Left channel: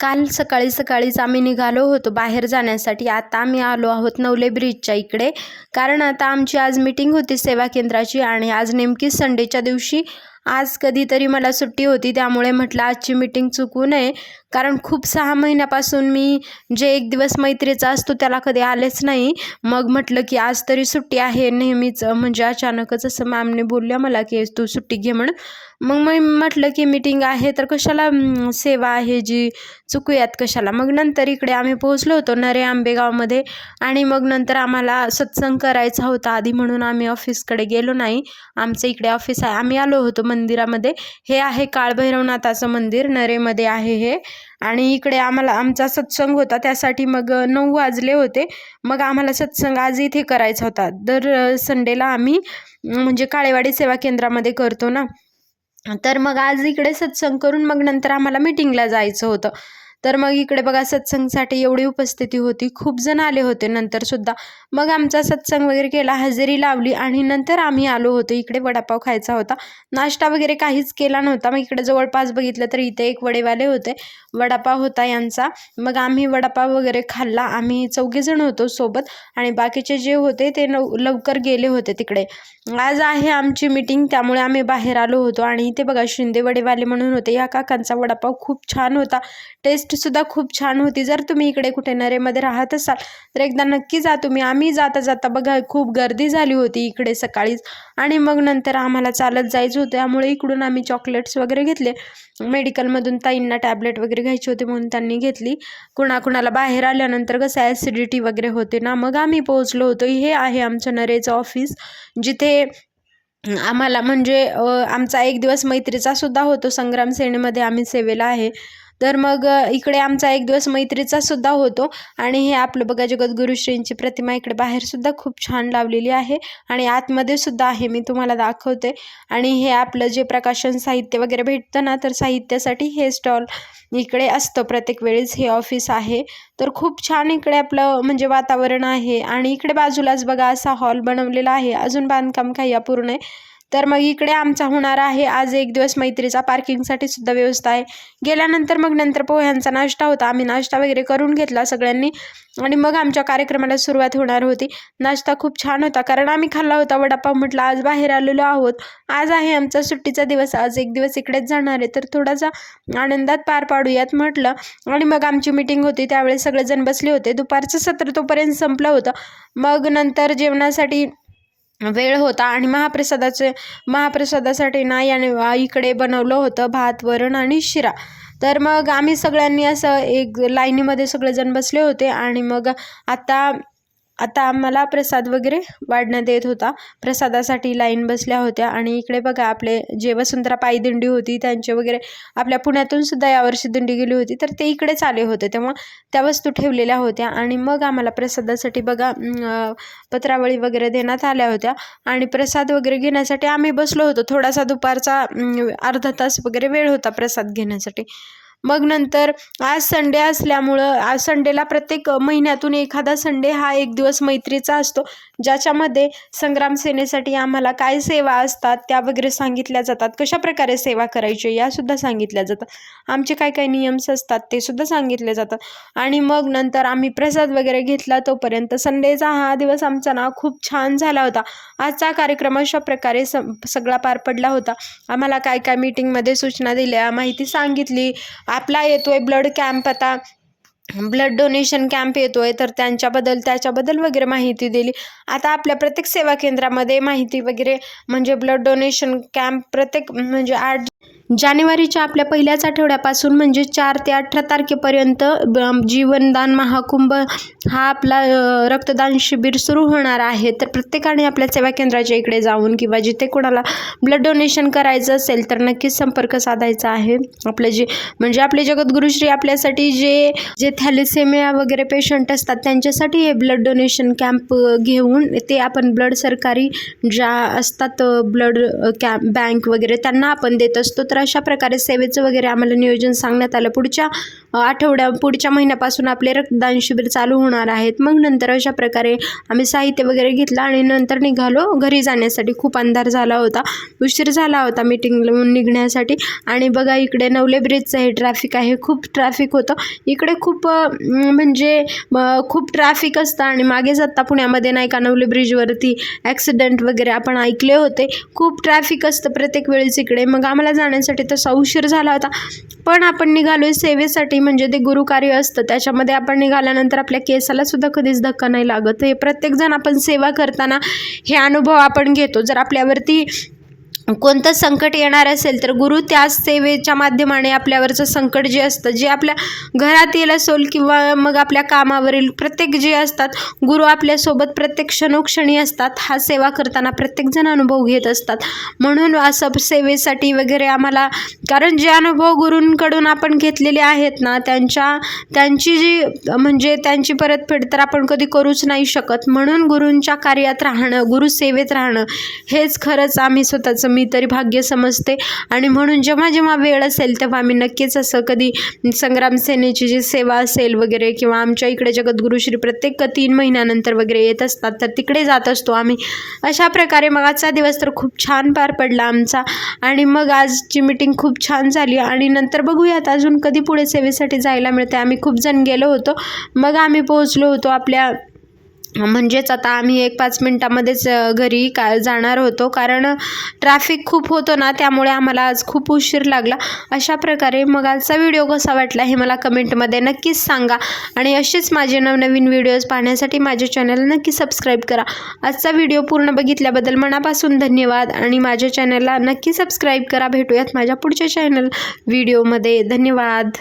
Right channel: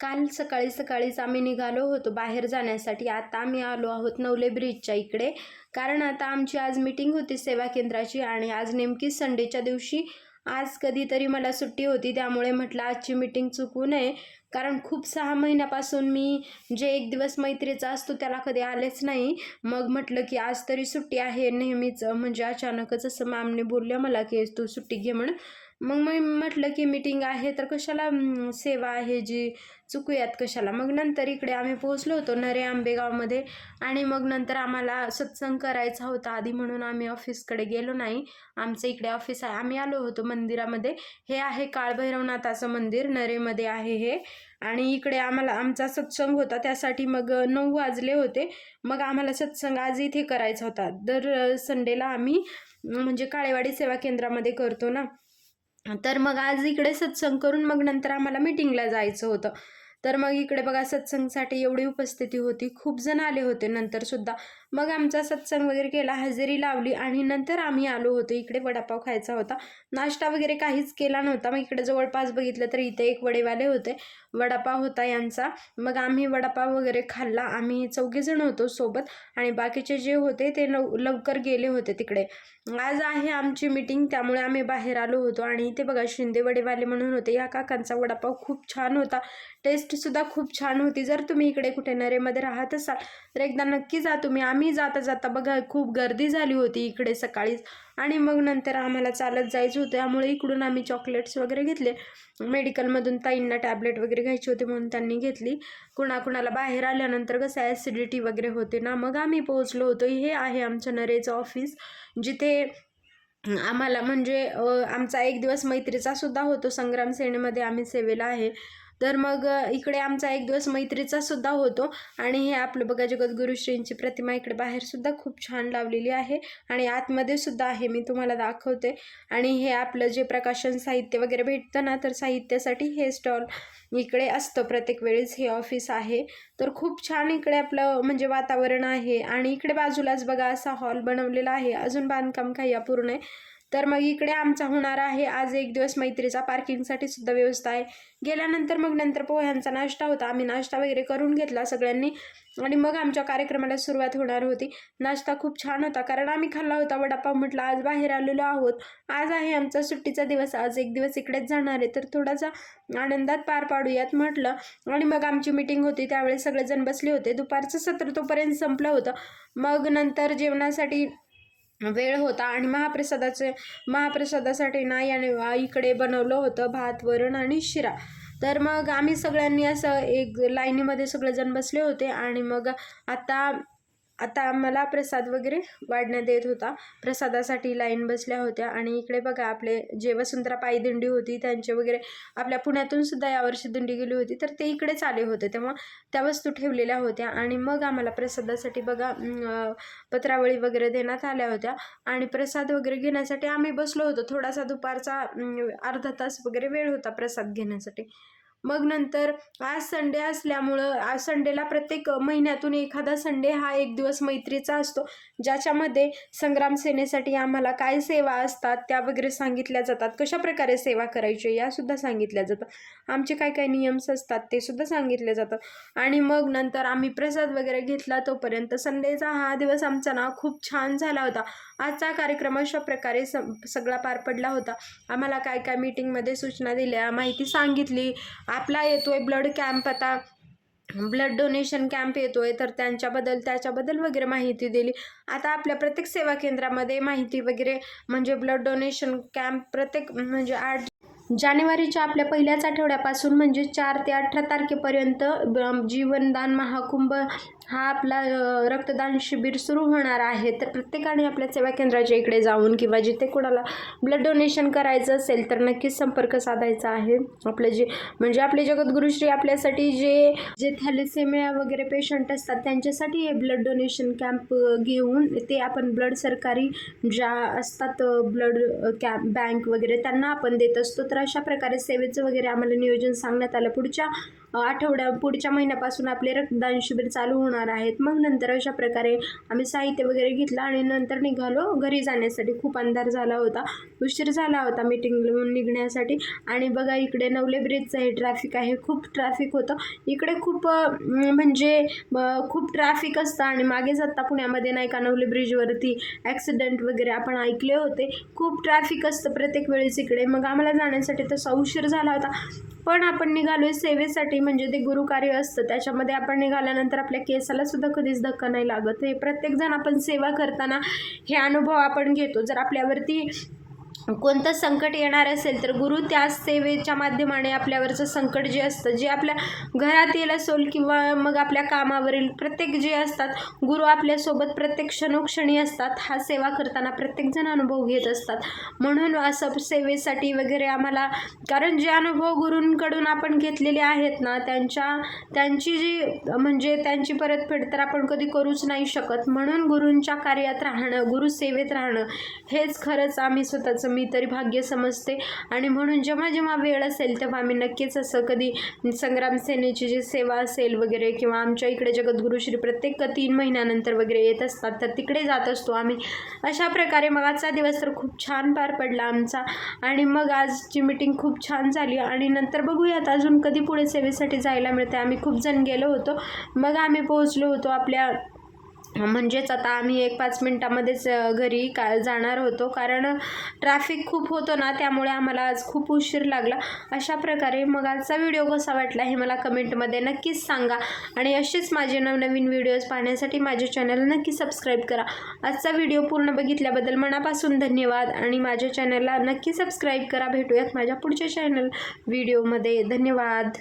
काल सकाळी सकाळीच आम्ही निघालो होतो बाहेर जाण्यासाठी. आता आम्ही आलो आहोत नवले ब्रिजच्या इकडे. कारण आता आमची आज मीटिंग होती सेवा केंद्राची आणि आज नेमकी संडेच्या दिवशी आज कधीतरी मला सुट्टी होती. त्यामुळे म्हटलं आजची मीटिंग चुकू नये. कारण खूप सहा महिन्यापासून मी जे एक दिवस मैत्रीचा असतो त्याला कधी आलेच नाही. मग म्हटलं की आज तरी सुट्टी आहे. नेहमीच म्हणजे अचानकच असं मॅमने बोलल्या मला की तू सुट्टी घे म्हणून. मग मी म्हटलं की मीटिंग आहे तर कशाला सेवा आहे जी? चुकूयात कशाला? मग नंतर इकडे आम्ही पोहोचलो होतो नरे आंबेगावमध्ये आणि मग नंतर आम्हाला सत्संग करायचा होता आधी म्हणून आम्ही ऑफिसकडे गेलो नाही. आमचं इकडे ऑफिस आहे. आम्ही आलो होतो मंदिरामध्ये. हे आहे काळभैरवनाथाचं मंदिर. नरेमध्ये आहे हे. आणि इकडे आम्हाला आमचा सत्संग होता त्यासाठी मग नऊ वाजले होते. मग आम्हाला सत्संग आज इथे करायचा होता. दर संडेला आम्ही म्हणजे काळेवाडी सेवा केंद्रामध्ये करतो ना. तर मग आज इकडे सत्संग करून मग नंतर आम्हाला मीटिंगला जायचं होतं. तर मग इकडे बघा सत्संगसाठी एवढी उपस्थिती होती. खूप जण आले होते नंतर सुद्धा. मग आमचा सत्संग वगैरे केला हजेरी लावली आणि नंतर आम्ही आलो होतो. इकडे वडापाव खायचा होता. नाश्ता वगैरे काहीच केला नव्हता. मग इकडे जवळपास बघितलं तर इथे एक वडेवाले होते. वडापाव होता यांचा. मग आम्ही वडापाव वगैरे खाल्ला. आम्ही चौघेजण होतो सोबत आणि बाकीचे जे होते ते नव लवकर गेले होते तिकडे. आज आहे आमची मीटिंग त्यामुळे आम्ही बाहेर आलो होतो. आणि इथे बघा शिंदे वडेवाले म्हणून होते. या काकांचा वडापाव खूप छान होता. टेस्ट टेस्टसुद्धा खूप छान होती. जर तुम्ही इकडे कुठे नरेमध्ये राहत असाल तर एकदा नक्की जा तुम्ही. आम्ही जाता जाता बघा खूप गर्दी झाली होती इकडे सकाळीच आणि मग नंतर आम्हाला चालत जायचं होतं. त्यामुळे इकडून आम्ही चॉकलेट्स वगैरे घेतले. मेडिकलमधून ताईंना टॅबलेट वगैरे घ्यायची होती म्हणून त्यांनी घेतली. कुणाकुणाला बाहेर आल्यानंतर कसं ॲसिडिटी वगैरे होते ना मग आम्ही पोहोचलो होतो. हे आहे आमचं नरेचं ऑफिस जिथे आम्हाला म्हणजे आमचा एक दिवस मैत्रीचा सुद्धा होतो. संग्राम सेनेमध्ये आम्ही सेवेला आहे. तर मग इकडे आमचा एक दिवस मैत्रीचा सुद्धा होतो. आणि हे आपलं बघा जगद्गुरुश्रींची प्रतिमा इकडे बाहेर सुद्धा खूप छान लावलेली आहे. आणि आतमध्ये सुद्धा आहे मी तुम्हाला दाखवते. आणि हे आपलं जे प्रकाशन साहित्य वगैरे भेटतं ना तर साहित्यासाठी हे स्टॉल इकडे असतं. प्रत्येक वेळेस हे ऑफिस आहे. तर खूप छान इकडे आपलं म्हणजे वातावरण आहे. आणि इकडे बाजूलाच बघा असा हॉल बनवलेला आहे. अजून बांधकाम काही अपूर्ण आहे. तर मग इकडे आमचा होणार आहे. आज एक दिवस मैत्रीचा पार्किंगसाठी सुद्धा व्यवस्था आहे. गेल्यानंतर मग नंतर पोह्यांचा नाश्ता होता. आम्ही नाश्ता वगैरे करून घेतला सगळ्यांनी. आणि मग आमच्या कार्यक्रमाला सुरुवात होणार होती. नाश्ता खूप छान होता. कारण आम्ही खाल्ला होता. वडापाव म्हटलं आज बाहेर आलेलो आहोत. आज आहे आमचा सुट्टीचा दिवस. आज एक दिवस इकडेच जाणार आहे. तर थोडासा आनंदात पार पाडूयात म्हटलं. आणि मग आमची मीटिंग होती. त्यावेळेस सगळेजण बसले होते. दुपारचं सत्र तोपर्यंत संपलं होतं. मग नंतर जेवणासाठी वेळ होता आणि महाप्रसादाचे महाप्रसादासाठी ना याने इकडे बनवलं होतं भात वरण आणि शिरा. तर मग आम्ही सगळ्यांनी असं एक लाईनीमध्ये सगळेजण बसले होते आणि मग आता आता आम्हाला प्रसाद वगैरे वाढण्यात येत होता. प्रसादासाठी लाईन बसल्या होत्या आणि इकडे बघा आपले जे वसुंधरा पायदिंडी होती त्यांचे वगैरे आपल्या पुण्यातून सुद्धा यावर्षी दिंडी गेली होती तर ते इकडेच आले होते. तेव्हा त्या वस्तू ठेवलेल्या होत्या आणि मग आम्हाला प्रसादासाठी बघा पत्रावळी वगैरे देण्यात आल्या होत्या. आणि प्रसाद वगैरे घेण्यासाठी आम्ही बसलो होतो. थोडासा दुपारचा अर्धा तास वगैरे वेळ होता प्रसाद घेण्यासाठी. मग नंतर आज संडे असल्यामुळं आज संडेला प्रत्येक महिन्यातून एखादा संडे हा एक दिवस मैत्रीचा असतो. ज्याच्यामध्ये संग्राम सेनेसाठी आम्हाला काय सेवा असतात त्या वगैरे सांगितल्या जातात. कशा प्रकारे सेवा करायची यासुद्धा सांगितल्या जातात आमचे काय काय नियम्स असतात ते सुद्धा सांगितले जातात आणि मग नंतर आम्ही प्रसाद वगैरे घेतला तोपर्यंत संडेचा हा दिवस आमचा ना खूप छान झाला होता. आजचा कार्यक्रम अशा प्रकारे स सगळा पार पडला होता. आम्हाला काय काय मीटिंगमध्ये सूचना दिल्या माहिती सांगितली. आपला येतोय ब्लड कॅम्प आता. ब्लड डोनेशन कॅम्प येतोय तर त्यांच्याबद्दल त्याच्याबद्दल वगैरे माहिती दिली. आता आपल्या प्रत्येक सेवा केंद्रामध्ये माहिती वगैरे म्हणजे ब्लड डोनेशन कॅम्प प्रत्येक म्हणजे आठ जानेवारीच्या आपल्या पहिल्याच आठवड्यापासून म्हणजे चार ते अठरा तारखेपर्यंत ब- जीवनदान महाकुंभ हा आपला रक्तदान शिबिर सुरू होणार आहे. तर प्रत्येकाने आपल्या सेवा केंद्राच्या इकडे जाऊन किंवा जिथे कोणाला ब्लड डोनेशन करायचं असेल तर नक्कीच संपर्क साधायचा आहे. आपलं जे म्हणजे आपले जगद्गुरुश्री आपल्यासाठी जे जे थॅलेसेमिया वगैरे पेशंट असतात त्यांच्यासाठी हे ब्लड डोनेशन कॅम्प घेऊन ते आपण ब्लड सरकारी ज्या असतात ब्लड कॅम्प बँक वगैरे त्यांना आपण देत असतो. तर अशा प्रकारे सेवेचं वगैरे आम्हाला नियोजन सांगण्यात आलं. पुढच्या आठवड्या पुढच्या महिन्यापासून आपले रक्तदान शिबिर चालू होणार आहेत. मग नंतर अशा प्रकारे आम्ही साहित्य वगैरे घेतलं आणि नंतर निघालो. घरी जाण्यासाठी खूप अंधार झाला होता. उशीर झाला होता मीटिंग निघण्यासाठी. आणि बघा इकडे नवले ब्रिजचं हे ट्रॅफिक आहे. खूप ट्रॅफिक होतं. इकडे खूप म्हणजे खूप ट्रॅफिक असतं आणि मागेच आत्ता पुण्यामध्ये नाही का नवले ब्रिजवरती ॲक्सिडेंट वगैरे आपण ऐकले होते. खूप ट्रॅफिक असतं प्रत्येक वेळेस इकडे. मग आम्हाला जाण्यासाठी तसा उशीर झाला होता. पण आपण निघालो आहे सेवेसाठी. म्हणजे ते गुरुकार्य असतं त्याच्यामध्ये आपण निघाल्यानंतर आपल्या केसाला सुद्धा कधीच धक्का नाही लागत. हे प्रत्येकजण आपण सेवा करताना हे अनुभव आपण घेतो. जर आपल्यावरती कोणतं संकट येणार असेल तर गुरु त्याच सेवेच्या माध्यमाने आपल्यावरचं संकट जे असतं जे आपल्या घरातील असोल असेल किंवा मग आपल्या कामावरील प्रत्येक जे असतात गुरु आपल्यासोबत प्रत्येक क्षणोक्षणी असतात हा सेवा करताना प्रत्येकजण अनुभव घेत असतात. म्हणून असं सेवेसाठी वगैरे आम्हाला कारण जे अनुभव गुरूंकडून आपण घेतलेले आहेत ना त्यांच्या त्यांची जी म्हणजे त्यांची परतफेड तर आपण कधी करूच नाही शकत. म्हणून गुरूंच्या कार्यात राहणं गुरुसेवेत राहणं हेच खरंच आम्ही स्वतःचं मी तरी भाग्य समजते. आणि म्हणून जेव्हा जेव्हा वेळ असेल तेव्हा आम्ही नक्कीच असं कधी संग्राम सेनेची जी सेवा असेल वगैरे किंवा आमच्या इकडे जगद्गुरुश्री प्रत्येक तीन महिन्यानंतर वगैरे येत असतात तर तिकडे जात असतो आम्ही. अशा प्रकारे मग आजचा दिवस तर खूप छान पार पडला आमचा. आणि मग आजची मीटिंग खूप छान झाली. आणि नंतर बघूयात अजून कधी पुढे सेवेसाठी जायला मिळते आम्ही खूप जण गेलो होतो. मग आम्ही पोहोचलो होतो आपल्या म्हणजेच आता आम्ही एक पाच मिनटामध्येच घरी का जाणार होतो. कारण ट्रॅफिक खूप होतं ना त्यामुळे आम्हाला आज खूप उशीर लागला. अशा प्रकारे मग आजचा व्हिडिओ कसा वाटला हे मला कमेंटमध्ये नक्कीच सांगा. आणि असेच माझे नवनवीन व्हिडिओज पाहण्यासाठी माझ्या चॅनल नक्की सबस्क्राईब करा. आजचा व्हिडिओ पूर्ण बघितल्याबद्दल मनापासून धन्यवाद. आणि माझ्या चॅनलला नक्की सबस्क्राईब करा. भेटूयात माझ्या पुढच्या चॅनल व्हिडिओमध्ये धन्यवाद.